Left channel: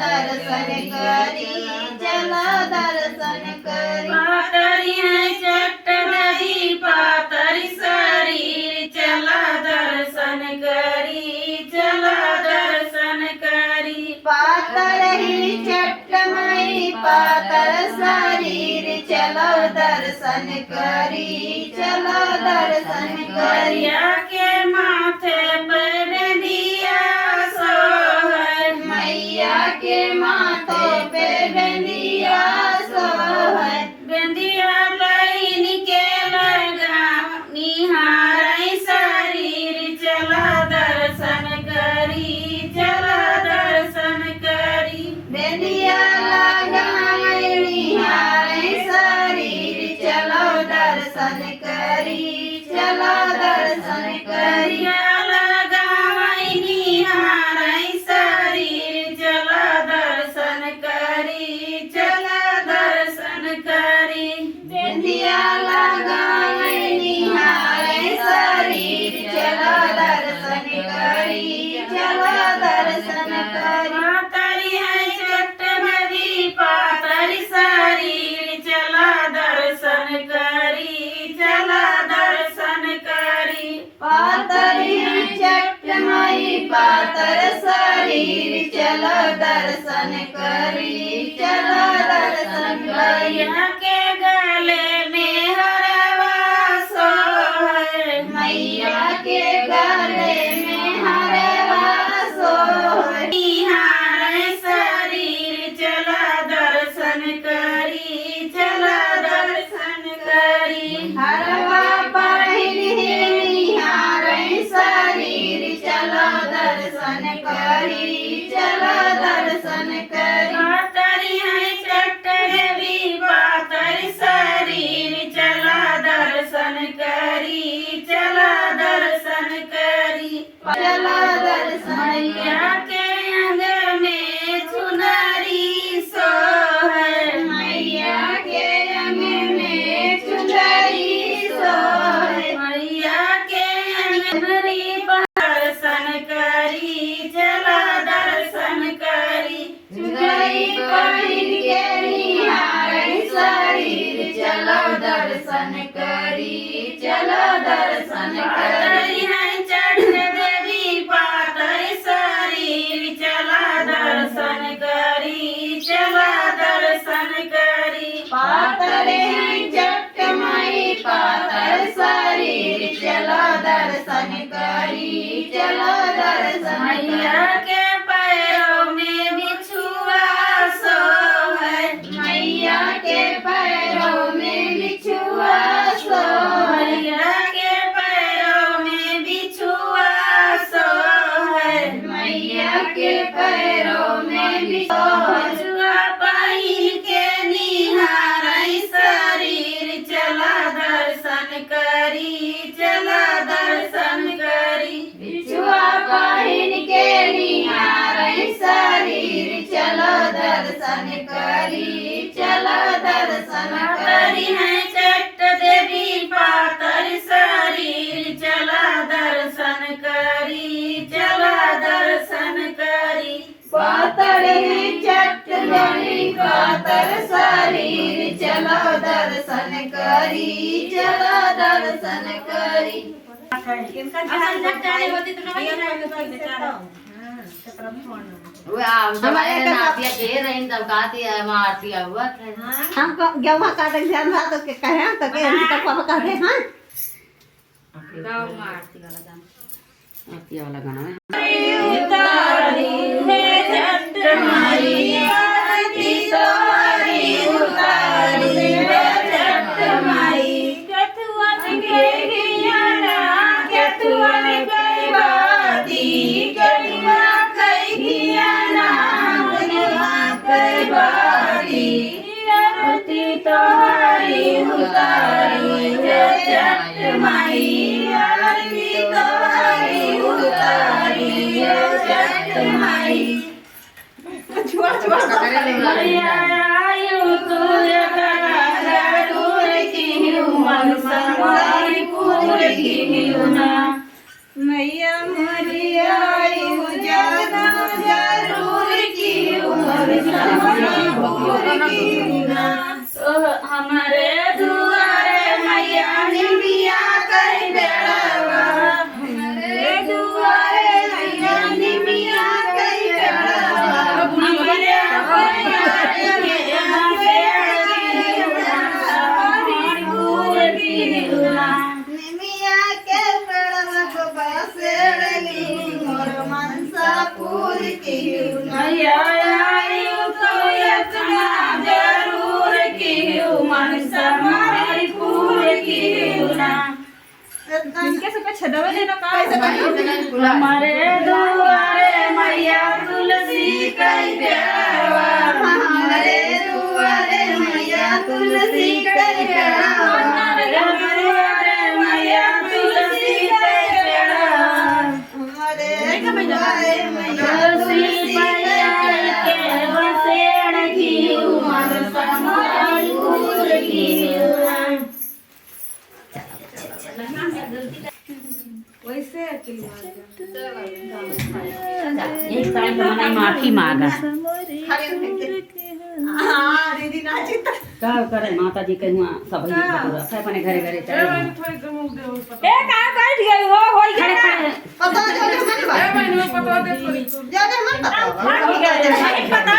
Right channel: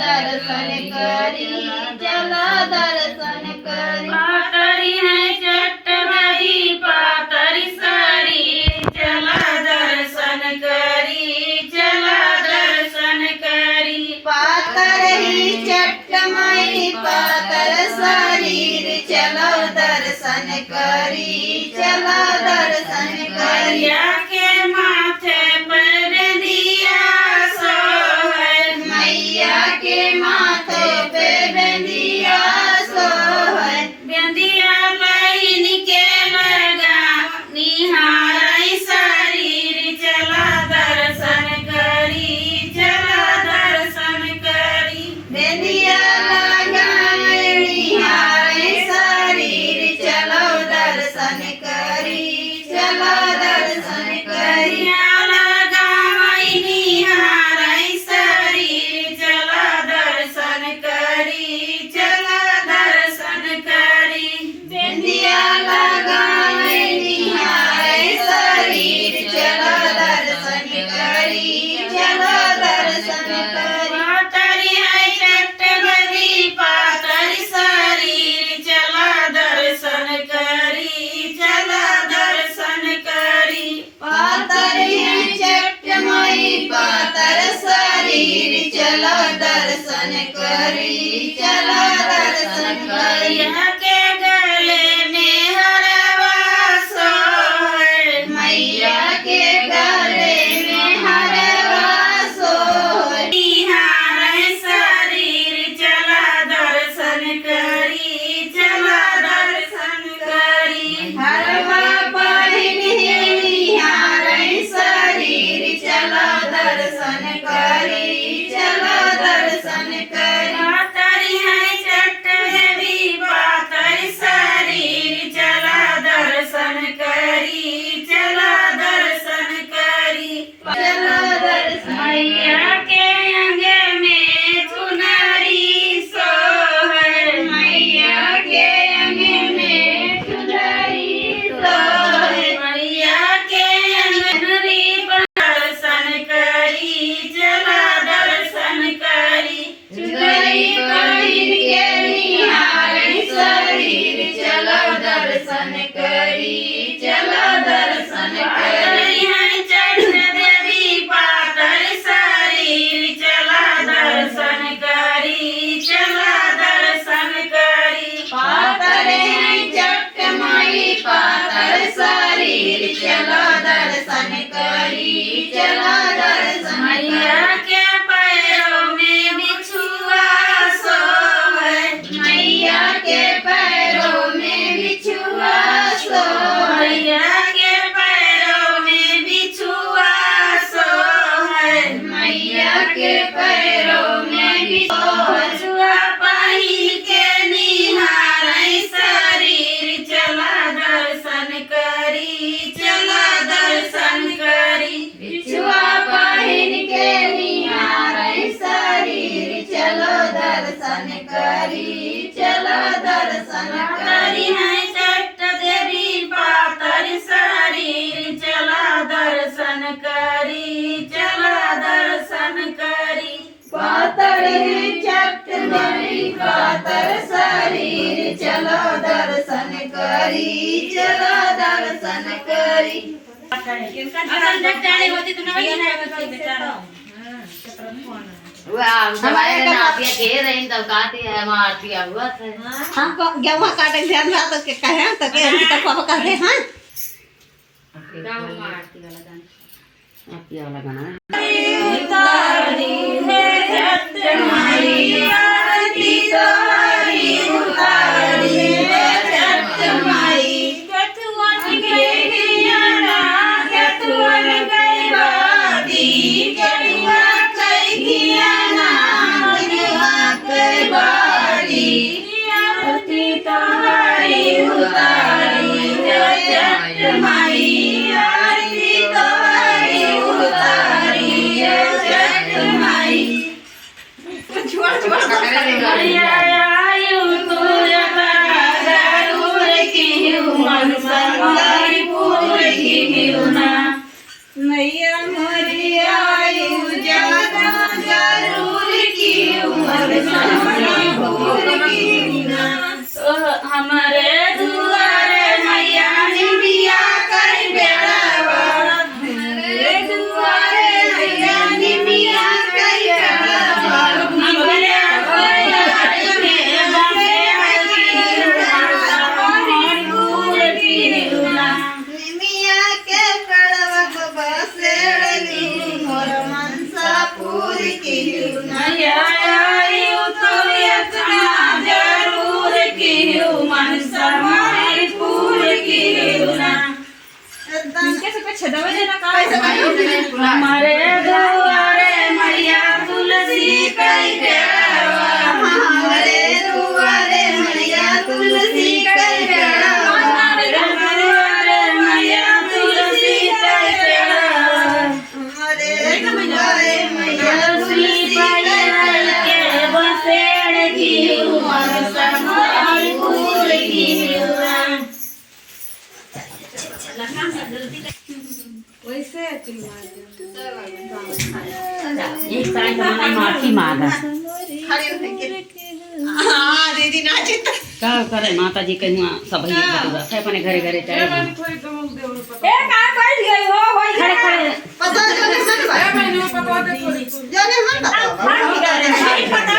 दर्शन करी चलो दर्शन करी। पातरी है चट्ट नदी पातरी शरीर चला दर्शन करी चला दर्शन करी। पातर ही चट्टमई पातर शरीर चलो दर्शन करी चलो दर्शन करी। मैया के माथे पर बिंदिया सोहर मैया के माथों पे बिंदिया सोहर। बिंदिया बहिन के लगा निहारै शरीर चला दर्शन करी चला दर्शन करी। बिंदिया लगाए निहारे शरीर चलो दर्शन करी चलो दर्शन करी। बिंदिया लगावै निहारै शरीर चला दर्शन करी चला दर्शन करी। बिंदिया लगाए निहारे शरीर चलो दर्शन करी चलो दर्शन करी। पातरी है चट्ट नदी पातरी शरीर चला दर्शन करी चला दर्शन करी। पातर है चट्टमई पातर शरीर चलो दर्शन करी चलो दर्शन करी। मैया के गले में हरवा सोहर मैया के गले में हरवा सोहर। निहारै शरीर चला दर्शन करी चला दर्शन करी। हरवा बहिन है निहारे शरीर चलो दर्शन करी चलो दर्शन करी। पातरी है चट्ट देवी पातरी शरीर चला दर्शन करी चला दर्शन करी। चलो दर्शन मैया के अंग में चुनरी सोहर मैया के अंग में चुनरी सोहर। मैया के अंगनरी दर्शन करी चला दर्शन करी। चुनरी पहिन के निहारे शरीर चलो दर्शन करी चलो दर्शन करी। पातरी है चट्ट देवी पातरी शरीर चला दर्शन करी चला दर्शन करी। पातर है चट्टमई पातर शरीर चलो दर्शन करी चलो दर्शन मैया करी। के पैरों में बिछुआ सोहर मैया के पैरों में बिछुआ सोहर। मैया के पैरों में बिछुआ सोहर मैया के पैरों में बिछुआ बिछुआ पहिन के निहारै शरीर चला दर्शन करी चला दर्शन करी। बिछुआ पहिन के निहारे शरीर चलो दर्शन करी चलो दर्शन पातरी करी। है चट्ट देवी पातरी शरीर चला दर्शन करी चला दर्शन करी। पातर है चट्टमई पातर शरीर चलो दर्शन करी चलो दर्शन करी। हमको गेहूँ काटे ध्यान रहा तो के कहे तो के हम तक पापा कहते हैं उतारी है चट्ट माई आरती तोरी उतारी है चट्ट माई। कथुअन के गियाना कथुअन गई बादी कड़ुआ कई गियाना कड़ुआ कई बादी। आरती तोरी उतारी है चट्ट माई आरती तोरी उतारी है चट्ट माई। मैया आयु तुझका जरूर की मन संगरीपुर की ना। मैया मरी आयु जाना जरूर की हमारे दुआरे मैया निमिया कई बेड़ावा हमारे दुआरे मैया निमिया कई बेड़ावा हमारे दुआरे मैया की निरुना निमिया के पेड़वा को बसेड़ली मोर मनसा पूरी की मैया आयु तो यतना जरूर की मन समाई पूरी की ना हमारे दुआरे मैया तुलसी कई बेड़ावा हमारे दुआरे मैया तुलसी कई बेड़ावा हमारे दुआरे मैया तुलसी कई बेड़ावा हमारे दुआरे मैया तुलसी तुलसी पायल के बसेड़ की मन समाई पूरी की एक टाइम तो मैंने माफी मांगा हाँ दीदी नाचित क्या करे माता जी के हुआ सब अपने घरे घरे चले गए। खड़े खड़े पता जाने मन जाने मन पता